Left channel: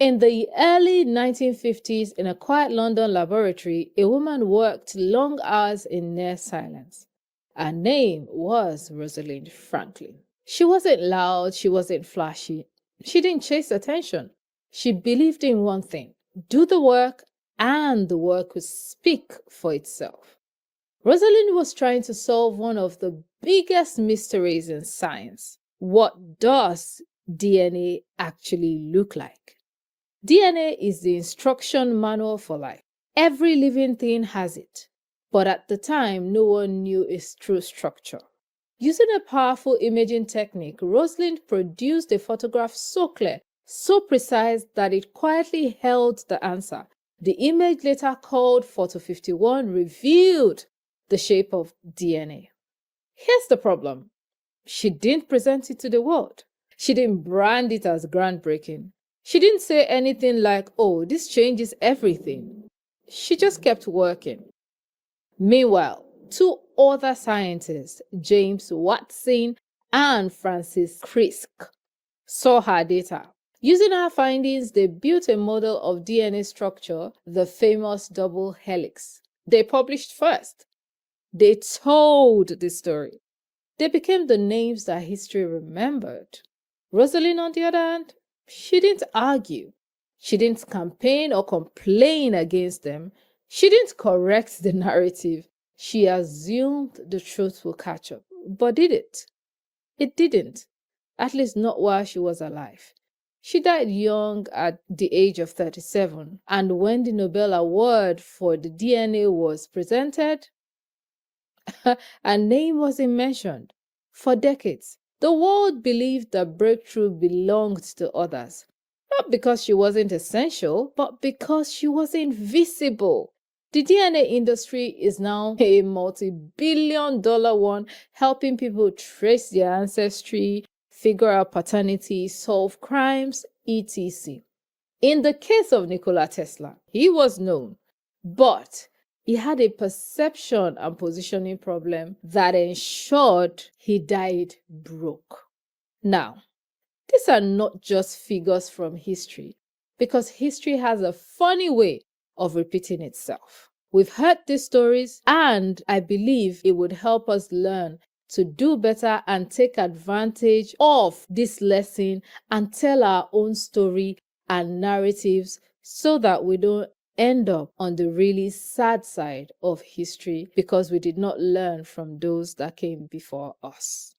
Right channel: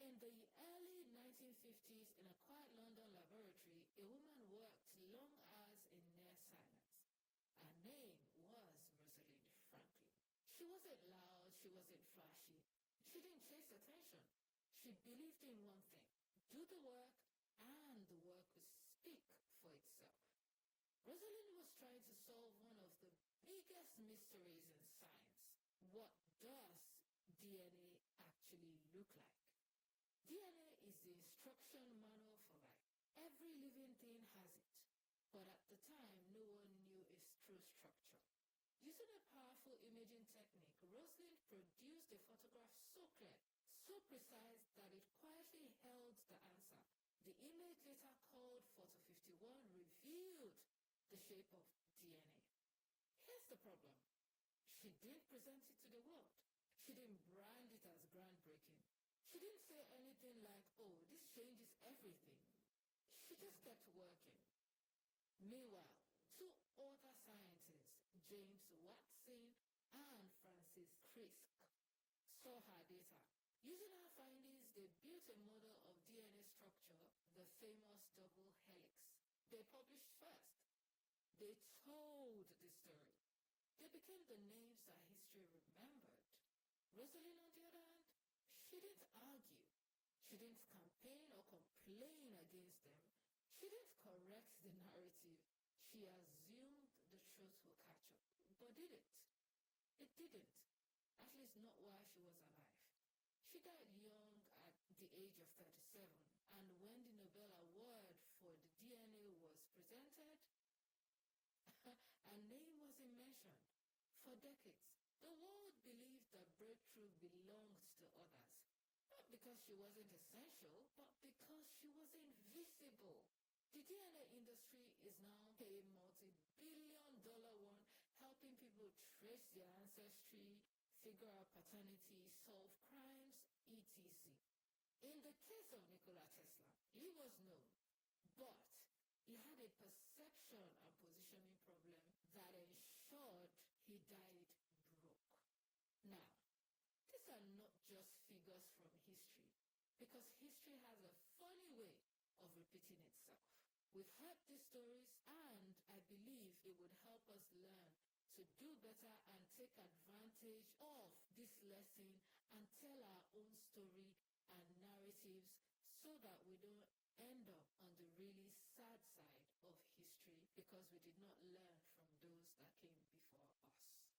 In the early 1950s, in a quiet London laboratory, a woman worked long hours in near silence. Her name was Rosalind Franklin. She wasn't loud, she wasn't flashy, she didn't chase attention. She believed in one thing: do the work, and the work would speak for itself. Rosalind was trying to solve one of the biggest mysteries in science. What does DNA actually look like? DNA is the instruction manual for life. Every living thing has it. But at the time, no one knew its true structure. Using a powerful imaging technique, Rosalind produced a photograph so clear, so precise that it quietly held the answer. The image, later called Photo 51, revealed the shape of DNA. Here's the problem: she didn't present it to the world. She didn't brand it as groundbreaking. She didn't say anything like, oh, this changes everything. She just kept working. Meanwhile, two other scientists, James Watson and Francis Crick, saw her data. Using her findings, they built a model of DNA structure, the famous double helix. They published first. They told the story. They became the names that history remembered. Rosalind, on the other hand, she didn't argue. She didn't campaign or complain against them. She didn't correct the narrative. She assumed the truth will catch up. But did it? It didn't. At least not while she was alive. She died young at the age of 37, and when the Nobel Award for the DNA was presented, her name wasn't mentioned. For decades, the world believed the breakthrough belonged to others, not because she wasn't essential, but because she was invisible. The DNA industry is now a multi-billion-dollar one, helping people trace their ancestry, figure out paternity, solve crimes, etc. In the case of Nikola Tesla, he was known, but he had a perception and positioning problem that ensured he died broke. Now, these are not just figures from history, because history has a funny way of repeating itself. We've heard these stories, and I believe it would help us learn to do better and take advantage of this lesson and tell our own story and narratives so that we don't end up on the really sad side of history because we did not learn from those that came before us.